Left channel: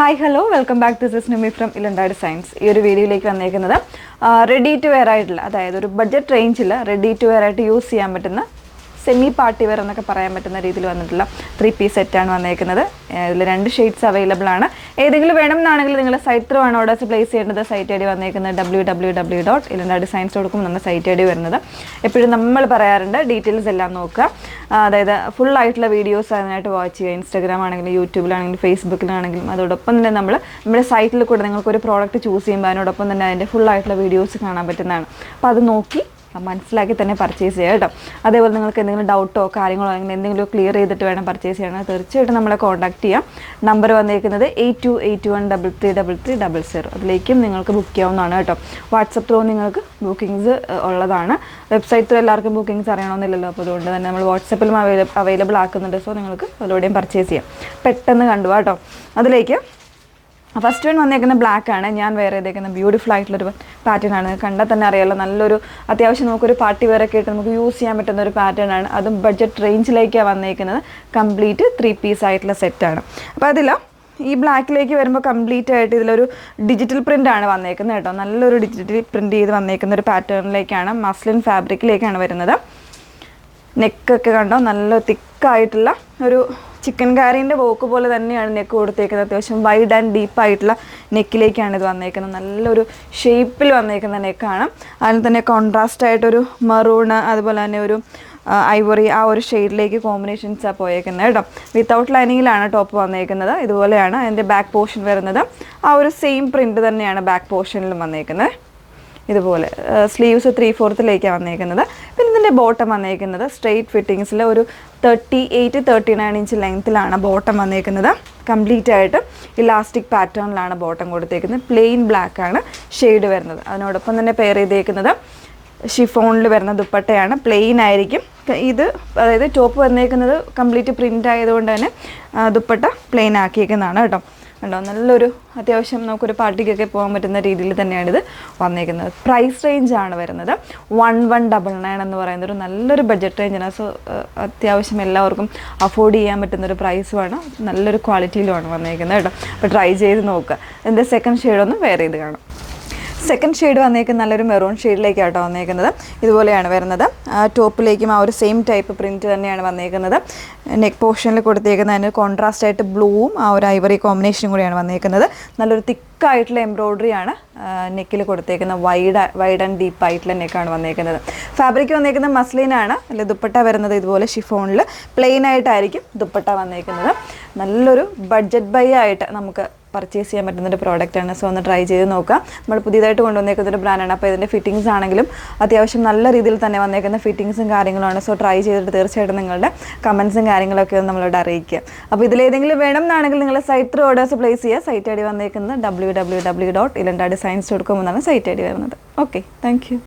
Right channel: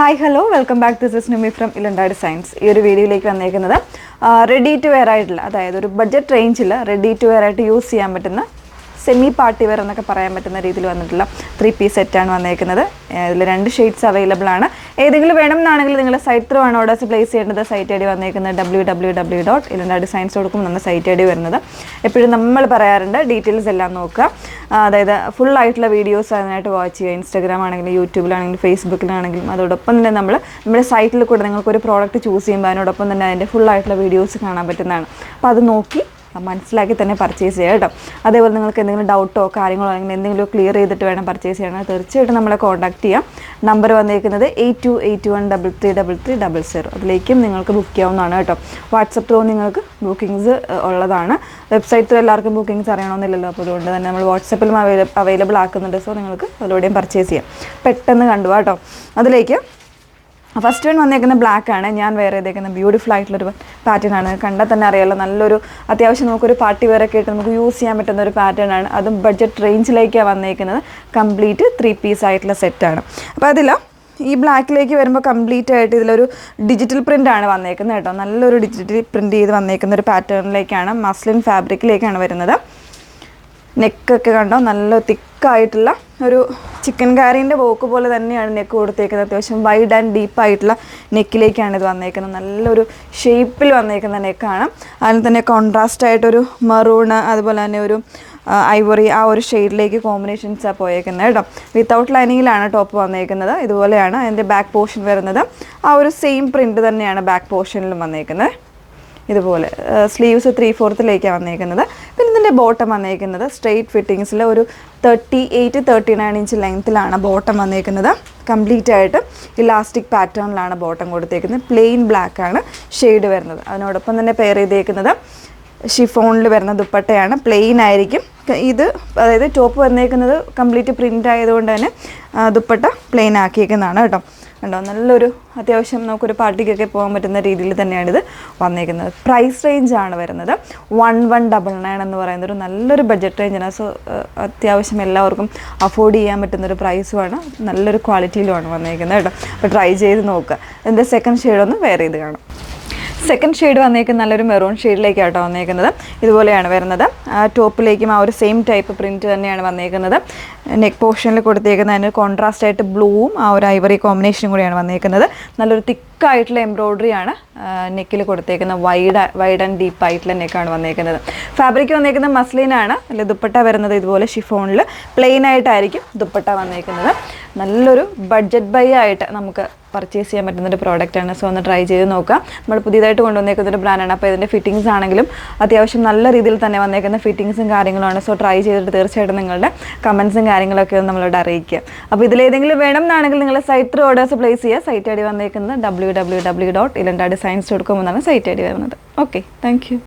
Hi hello welcome back. This is Nimi from Ilanda designs. ഈ ഒരു വീഡിയോയിലേക്ക് വന്നേക്കുന്നത് റെഡി ടു വെയർ ആയിട്ടുള്ള, അതായത് ഒരു ബഡ്ജറ്റ് റേഞ്ചിൽ റെഡി ടു വെയർ ആയിട്ട് യൂസ് ചെയ്യാൻ പറ്റുന്ന സെമി പാർട്ടി വെയർ എന്നൊക്കെ പറയാൻ പറ്റുന്ന രീതിയിൽ വന്നിട്ടുള്ള 3-piece സെറ്റാണ് വന്നേക്കുന്നത്. ഇതിൽ 2 ഷെയ്ഡ്സ് അവൈലബിൾ ആണ്. ഏതെങ്കിലും വേണമെന്നാണെങ്കിൽ നിങ്ങൾ സൈറ്റ് ത്രൂ ആണ് ഓർഡേഴ്സ് പ്ലേസ് ചെയ്യേണ്ടത്. സൈറ്റ് ഐ ഡി വന്നേക്കുന്നത് www.ilandadesigns.com നമ്മുടെ സൈറ്റ് ഐ ഡി വരുന്നത്. എപ്പോഴും നമ്മൾ പറയാറുണ്ട് ഡീറ്റെയിൽസ് എല്ലാം നോക്കുക, അതായത് ഫുൾ ആയിട്ടുള്ള വീഡിയോസ് അതിനായിട്ട് വാച്ച് ചെയ്യുക. ഇൻസ്റ്റാഗ്രാം ആണെങ്കിലും യൂട്യൂബിലാണെങ്കിലും ഫേസ്ബുക്കിലാണെങ്കിലും. അതോടൊപ്പം തന്നെ നമ്മുടെ സൈറ്റിൽ കൂടെ നിങ്ങൾക്ക് ഒരു പ്രോഡക്റ്റ് ചൂസ് ചെയ്യുമ്പോൾ അതിനോടൊപ്പം തന്നെ അതിൻ്റെ ഫുൾ ആയിട്ടുള്ള വീഡിയോസ് കാണാൻ പറ്റുന്നതാണ്. അപ്പോൾ അത് നോക്കി മനസ്സിലാക്കി തന്നെ പർച്ചേസ് ചെയ്യുക കേട്ടോ. അതേപോലെ നിങ്ങൾക്ക് എന്തെങ്കിലും ഡൗട്ടോ കാര്യങ്ങളോ അല്ലെങ്കിൽ എന്തെങ്കിലും ക്ലിയർ ചെയ്തിട്ട് വേണം പർച്ചേസ് ചെയ്യണം, തീർച്ചയായിട്ടും നമ്മളെ കോൺടാക്ട് ചെയ്യാം. നമ്പർ വന്നിരിക്കുന്നത് 8281333300. അതിലേക്കും നിങ്ങൾക്ക് ബുക്ക് ചെയ്യാവുന്നതാണ് കേട്ടോ. വാട്സപ്പ് ത്രൂ നിങ്ങൾക്ക് ബുക്കിങ്സ് ഉള്ളതാണ്. വെബ്സൈറ്റ് ത്രൂ എല്ലാവർക്കും ബുക്കിങ്സ് അറിയണമെന്നില്ലല്ലോ, അപ്പോൾ അതുകൊണ്ട് തന്നെ നമ്മൾ വാട്സപ്പിലും അവൈലബിൾ ആക്കുന്നുണ്ട്. സോ നിങ്ങൾക്ക് അതിലൂടെയും പർച്ചേസ് ചെയ്യാം. പെട്ടെന്ന് കണ്ടു കേട്ടോ. അതിലേക്ക് ഫസ്റ്റ് വൺ വന്നേക്കുന്ന ബ്ലാക്ക് ആണ്. ഞാൻ വേറെ ചെയ്തേക്കുന്ന ബ്യൂട്ടിഫുൾ ആയിട്ടുള്ളൊരു പാറ്റേൺ ആണ്. കണ്ടാൽ തന്നെ അറിയാമല്ലോ, നല്ലൊരു അത്യാവശ്യം നമുക്കൊരു പാർട്ടി വെയർ ഒക്കെ ഇട്ട് നമുക്ക് യൂസ് ചെയ്യാൻ പറ്റുന്ന ഒരു പാറ്റേൺ ആണ്. അതും ബഡ്ജറ്റ് റേഞ്ചിലേക്കാണ് വന്നേക്കുന്നത്. കംപ്ലീറ്റ് 3-piece ആയിട്ടുള്ള സെറ്റാണ്. അപ്പോൾ അതിൽ ഈ ബ്ലാക്കിലേക്ക് വരുമ്പോൾ കംപ്ലീറ്റ് ആയിട്ട് ഇതിലൊരു ഡിജിറ്റൽ പ്രിൻ്റ് ആണ് വന്നേക്കുന്നത് കേട്ടോ. നല്ലൊരു ഡിജിറ്റൽ പ്രിൻ്റ് ചെയ്ത് വന്നേക്കുന്ന ഒരു പാറ്റേണിലേക്കാണ്, മസ്ലിൻ ഫാബ്രിക്കിലേക്കാണ് വരുന്നത്. നെക്കൊക്കെ കണ്ടോ, നല്ല തിക്കായിട്ടുള്ള ഒരു ചിക്കൻ കാരീൻ്റെ വോക്ക് പോലെ തന്നെയാണ് നെക്ക് കൊടുത്തേക്കുന്നത്. അത്യാവശ്യം വൈഡ് ആൻഡ് ഡീപ്പായിട്ടുള്ള നെക്കിലേക്കാണ് ഇത് വന്നേക്കുന്നത്. നല്ലൊരു ഷേപ്പിൽ വന്നേക്കുന്ന നെക്കാണ്. അതിന് തന്നെ കോൺട്രാസ്റ്റ് ആയിട്ടൊരു മറൂണ്, അതുപോലെ തന്നെ ഒരു ഐവറി, ആ ഒരു ഷെയ്ഡിലേക്ക് കോമ്പിനേഷൻസാണ് പോയേക്കുന്നത് കേട്ടോ. വിത്തൗട്ട് ലൈനിങ്ങിലാണ് ടോപ്പ് വന്നേക്കുന്നത്. ഇതുപോലെയാണ് അതിൻ്റെ ബാക്ക് പോർഷൻ വരുന്നത്. ആ ഒരു സെയിം പ്രിൻ്റ് തന്നെയാണ് ബാക്ക് പോർഷനിലും വന്നേക്കുന്നത്. ഇതുപോലെ സ്ലീവ്സ് 3/4 വന്നേക്കുന്നത്. പിന്നെ ഇതിൻ്റെ ബോട്ടം വന്നേക്കുന്നത് സ്ട്രെയിറ്റ് ഫിറ്റിങ്സിൽ ഒരു 38-39 ഇഞ്ച് ലെങ്ത്തിലാണ് ബോട്ടം വന്നേക്കുന്നത്. കംപ്ലീറ്റ് ആയിട്ട് ഇലാസ്റ്റിക് പാറ്റേണിലാണ് ബോട്ടം കൊടുത്തേക്കുന്നത്. പ്ലെയിൻ ബ്ലാക്ക് ആണ് ഷെയ്ഡ് വരുന്നത്. അതിനോടൊപ്പം തന്നെ പെയർ ചെയ്തേക്കുന്നത് ഷിഫോണിൽ വരുന്ന ദുപ്പട്ടയാണ്. പ്ലെയിൻ ആയിരിക്കും ഇത്, അതായത് ടോപ്പ് വന്നേക്കുന്നത് കംപ്ലീറ്റ് പ്രിൻ്റ് ആയതുകൊണ്ട് തന്നെ ദുപ്പട്ട പ്ലെയിൻ ആക്കിയേക്കുന്നതാണ് കേട്ടോ. കണ്ടോ, നല്ലൊരു അത്യാവശ്യം നമുക്കൊരു പാർട്ടിക്കൊക്കെ പോകാൻ പറ്റുന്ന രീതിയിൽ തന്നെയാണിത് വന്നേക്കുന്നത്. പ്രൈസ് റേഞ്ചാണ് വരുന്നത് 1199 എന്ന് പറയുന്ന ഒരു നല്ലൊരു ബഡ്ജറ്റ് റേഞ്ചാണ്. സോ അത്യാവശ്യം എല്ലാവർക്കും അഫോർഡ് ചെയ്യാൻ പറ്റുന്നൊരു പ്രൈസുമാണ്. നല്ലൊരു ക്വാളിറ്റിയിലുമാണ് വന്നേക്കുന്നത് കേട്ടോ. അപ്പോൾ ട്രൈ ചെയ്ത് നോക്കുക. എൻ്റെ സെക്കൻഡ് ഷെയ്ഡൊന്ന് വെയർ ചെയ്ത് കാണാം. സെക്കൻഡ് ഷെയ്ഡ് വന്നേക്കുന്നത് നല്ലൊരു മെറൂൺ ഷെയ്ഡിലേക്കാട്ടോ വന്നേക്കുന്നത്. ഇതുപോലെയാണ് വരുന്നത്. ടോപ്പിലേക്കും ആ ഒരു സെയിം ടൈപ്പ് പ്രിൻറ്റ് തന്നെയാണ് വന്നേക്കുന്നത്. നെക്ക് പോർഷനിൽ കൊടുത്തേക്കുന്നത് അതിന് കോൺട്രാസ്റ്റ് ആയിട്ട് ബ്ലൂവും ആ ഒരു ഐവറി കോമ്പിനേഷനും കൂടിയാണ് വന്നേക്കുന്നത്. നല്ലൊരു തിക്കായിട്ടുള്ള എംബ്രോയ്ഡറി ആണ് നെക്കിൽ കൊടുത്തേക്കുന്നത്. വൈഡ് ആൻഡ് ഡീപ്പ് ആയിട്ടുള്ള നെക്കാണ് വന്നേക്കുന്നത്. ഫാബ്രിക് വന്നേക്കുന്നത് മസ്ലിനാണ്. അല്ലെ ദുപ്പട്ട വരുന്നത് ഇതുപോലെ ഷിഫോണിൽ പ്ലെയിൻ ആയിട്ടായിരിക്കും ദുപ്പട്ട വന്നേക്കുന്നത്. നല്ലൊരു ബഡ്ജറ്റ് ബൈ ആയിട്ട് നമുക്ക് പർച്ചേസ് ചെയ്യാൻ പറ്റുന്നൊരു പ്രോഡക്റ്റാണ്. സോ ഒന്ന് ട്രൈ ചെയ്ത് നോക്കാം. നമ്മൾ പുതിയതായിട്ട് കൊണ്ടുവന്നേക്കുന്നൊരു ബ്രാൻഡാണ്. അപ്പോൾ ഇതിൻ്റെ ഫിറ്റിങ്സ് ആണെങ്കിലും അത്യാവശ്യം നല്ല രീതിയിൽ തന്നെ വന്നേക്കുന്ന ഫിറ്റിങ്സും കാര്യങ്ങളാണ്. സോ ട്രൈ ചെയ്തിട്ട് തീർച്ചയായിട്ടും നിങ്ങളുടെ കമൻസും കാര്യങ്ങളൊക്കെ ഒന്ന് നമ്മളോട് അറിയിക്കുക. അപ്പോൾ ഇതിലേതെങ്കിലും വേണം എന്നാണെങ്കിൽ നിങ്ങൾ സൈറ്റ് ത്രൂ ഓർഡേഴ്സ് പ്ലേസ് ചെയ്യുക. സൈറ്റ് ഐ ഡി വന്നേക്കുന്നത് www.ilandadesigns.com എന്നാണ് സൈറ്റ് ഐ ഡി വരുന്നത്. Okay, thank you.